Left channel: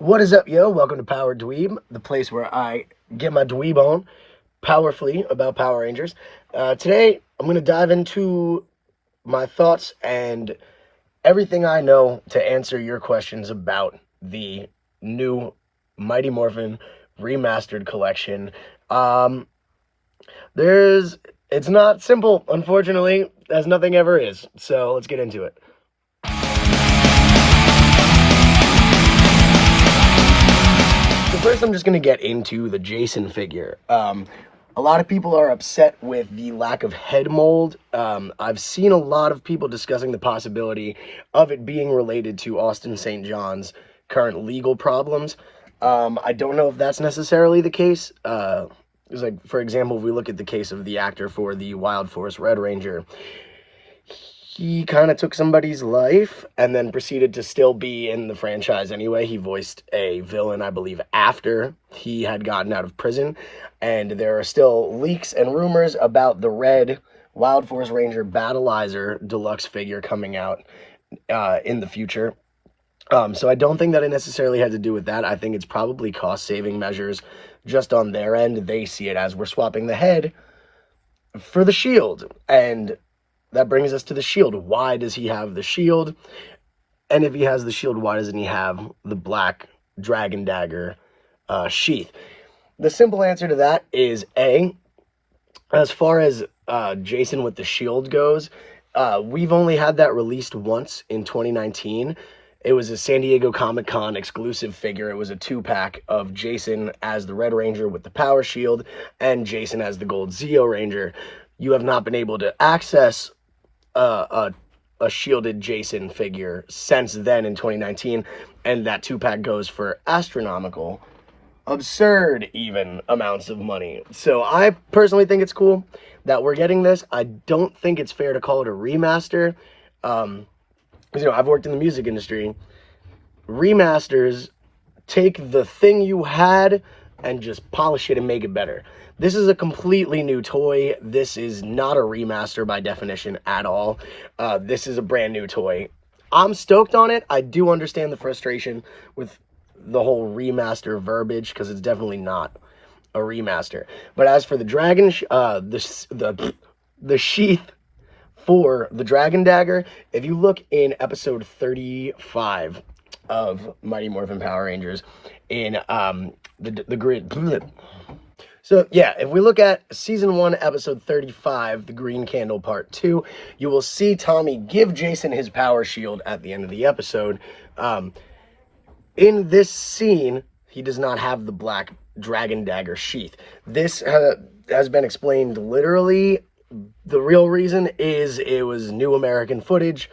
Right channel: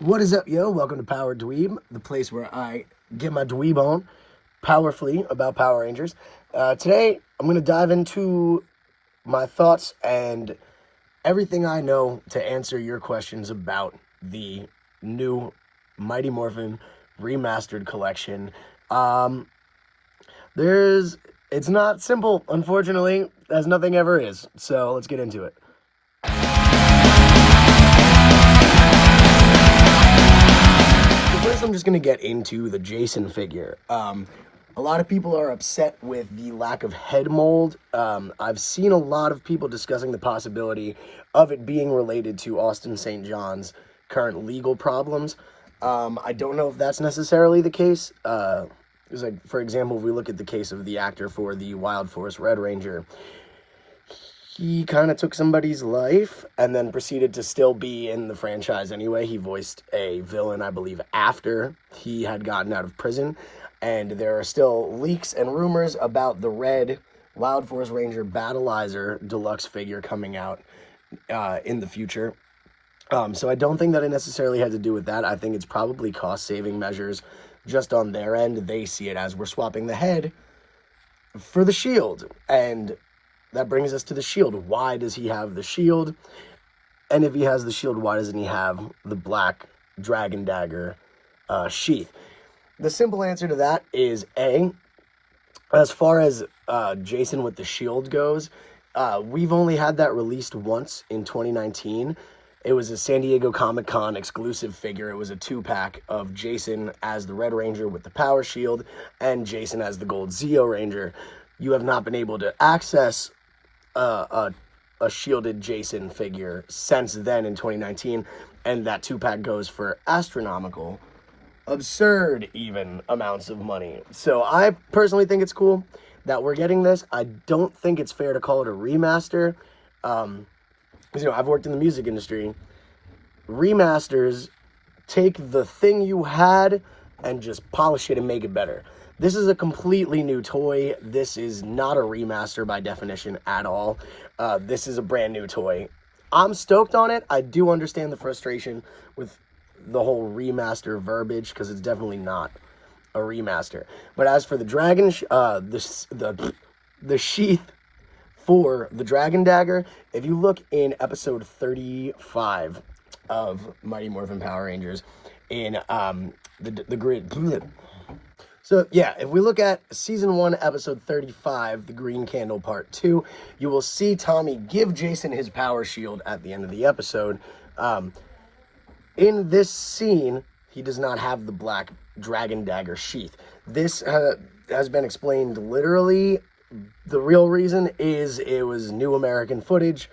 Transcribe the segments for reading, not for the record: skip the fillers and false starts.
What is up, yo? Welcome to Power Dweeb, the place where I get my dweeb on powerfully about Power Rangers. Today, I'm going to dive into my thoughts and everything I know to answer your questions about the new Mighty Morphin Remastered collection. It's not simple, unfortunately, as nothing ever is. So let's get into it. First, I'm just going to get into the Jason figure. A lot of people are upset with the lack of head mold. I've seen a lot of people discussing the possibility of it being related to Austin St. John's current legal problems. I don't know if that's necessarily the case. It's like, for example, if we look at the case of the actor for the Wild Force Red Ranger, he kind of took somebody's life and then proceeded to still be in the franchise anyway. He voiced a villain, I believe, after he had gotten out of prison. And there are still leaks and rumors about the red Wild Force Ranger Battleizer deluxe figure coming out in the future. So I don't think that it necessarily had to do with that. I think it's probably cost-saving measures just on their end. They see it as we're swapping the head for the shield. And that brings us to the shield. Why does he have the shield? And if he has the shield, why doesn't he have the black dragon dagger sheath? The simple answer to that is A, as far as Jason with the shield goes, we've only had that released once in 2019. It was a San Diego Comic-Con exclusive figure. It was a 2-pack of Jason as the Red Ranger with the power shield and Jason as the Gold Zeo Ranger. You have not been able to access a shielded Jason figure since then in 2019, and that 2-pack goes for astronomical, absurd even amounts of money. So I personally think it's cool that we're getting this. I don't think it's fair to call it a remaster. Because, I've worked in the music industry. Remasters take the thing you had and just polish it and make it better. This is a completely new toy. This is not a remaster by definition at all. This is a brand new toy. I'm stoked on it. I do understand the frustration with the whole remaster verbiage because it's definitely not a remaster. But as for the dragon, the sheath for the Dragon Dagger, if you look in episode 35 of Mighty Morphin Power Rangers in the grid. So yeah, if we look at season 1, episode 35, the Green Candle part 2, you will see Tommy give Jason his power shield at the end of the episode. In this scene, he does not have the black dragon dagger sheath. This has been explained literally. The real reason is it was new American footage,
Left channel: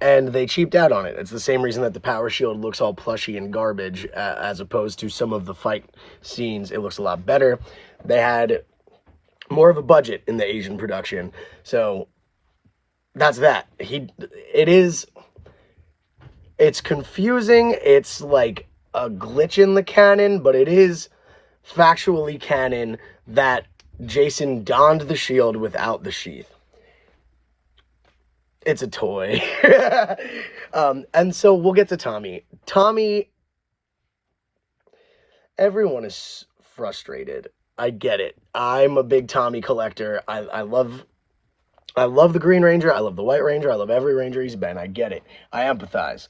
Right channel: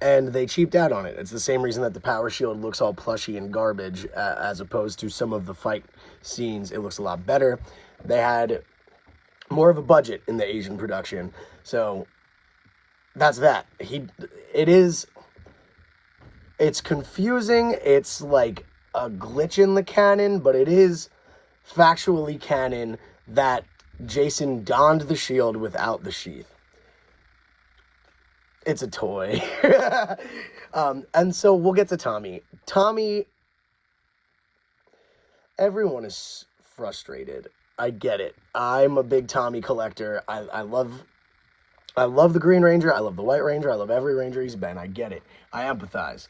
and they cheaped out on it. It's the same reason that the power shield looks all plushy and garbage, as opposed to some of the fight scenes. It looks a lot better. They had more of a budget in the Asian production, so that's that. It's confusing. It's like a glitch in the canon, but it is factually canon that Jason donned the shield without the sheath. It's a toy. And so we'll get to Tommy. Tommy, everyone is frustrated. I get it. I'm a big Tommy collector. I love the Green Ranger. I love the White Ranger. I love every Ranger he's been. I get it. I empathize.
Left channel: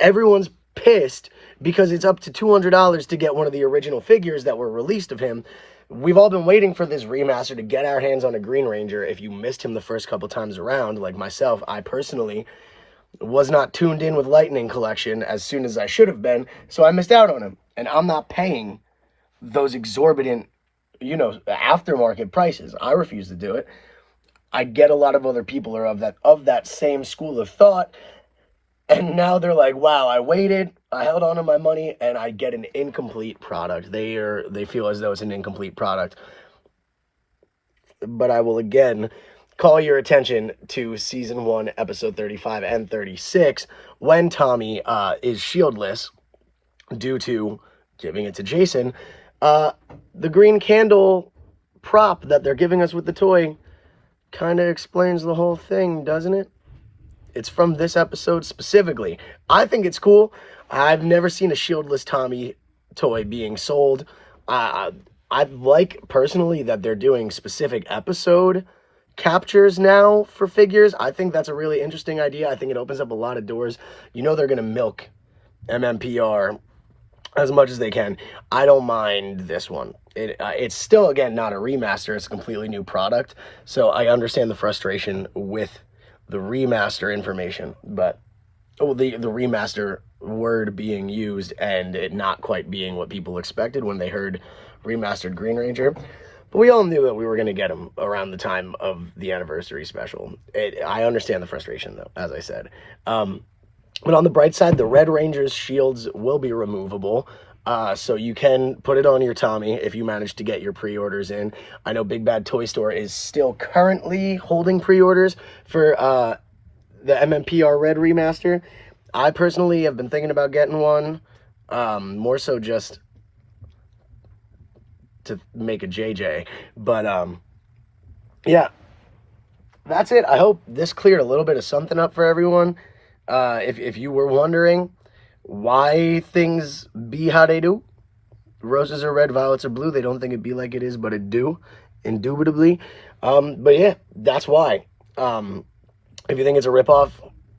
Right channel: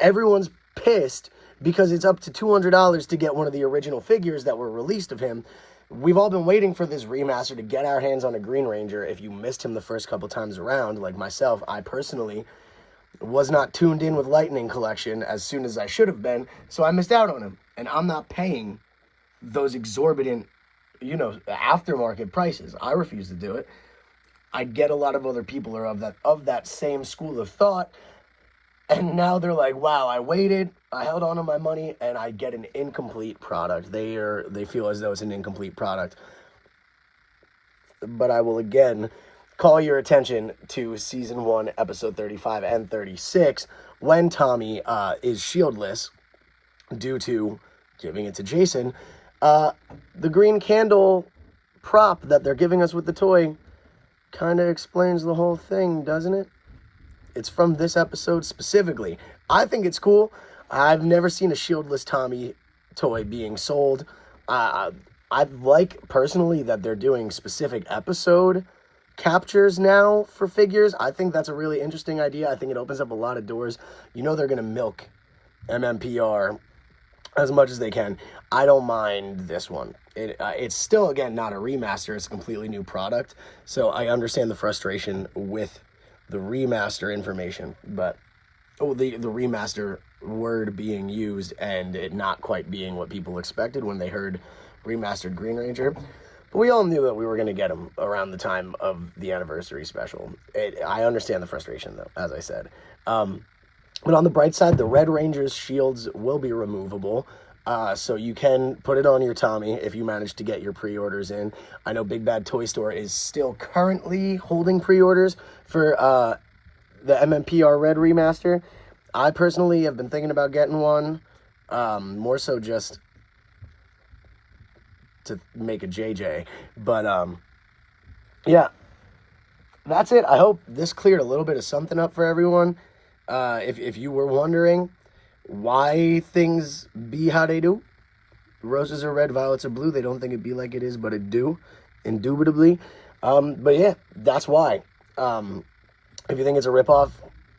Everyone's pissed because it's up to $200 to get one of the original figures that were released of him. We've all been waiting for this remaster to get our hands on a Green Ranger. If you missed him the first couple times around, like myself, I personally was not tuned in with Lightning Collection as soon as I should have been, so I missed out on him. And I'm not paying those exorbitant, aftermarket prices. I refuse to do it. I get a lot of other people are of that same school of thought, and now they're like, wow, I waited, I held on to my money, and I get an incomplete product. They feel as though it's an incomplete product. But I will again call your attention to season 1, episode 35 and 36, when Tommy is shieldless due to giving it to Jason. The green candle prop that they're giving us with the toy kind of explains the whole thing, doesn't it? It's from this episode specifically. I think it's cool. I've never seen a shieldless Tommy toy being sold. Uh, I like personally that they're doing specific episode captures now for figures. I think that's a really interesting idea. I think it opens up a lot of doors. You know they're gonna milk MMPR as much as they can. I don't mind this one. It's still, again, not a remaster. It's a completely new product. So I understand the frustration with the remaster information, but the remaster word being used and it not quite being what people expected when they heard remastered Green Ranger. But we all knew that we were going to get them around the time of the anniversary special. I understand the frustration, though, as I said. But on the bright side, the Red Ranger's shields will be removable. So you can put it on your Tommy if you manage to get your pre-orders in. I know Big Bad Toy Store is still currently holding pre-orders for the MMPR Red Remaster. I personally have been thinking about getting one, more so just to make a JJ. But yeah, that's it. I hope this cleared a little bit of something up for everyone. If you were wondering why things be how they do, roses are red, violets are blue. They don't think it be like it is, but it do, indubitably. But yeah, that's why. If you think it's a ripoff,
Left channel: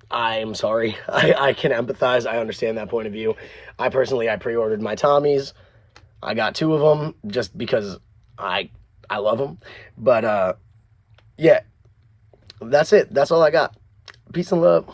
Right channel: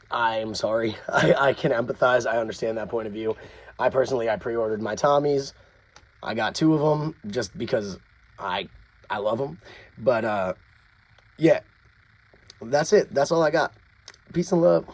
I'm sorry. I can empathize. I understand that point of view. I pre-ordered my Tommies. I got 2 of them just because I love them. But yeah, that's it. That's all I got. Peace and love.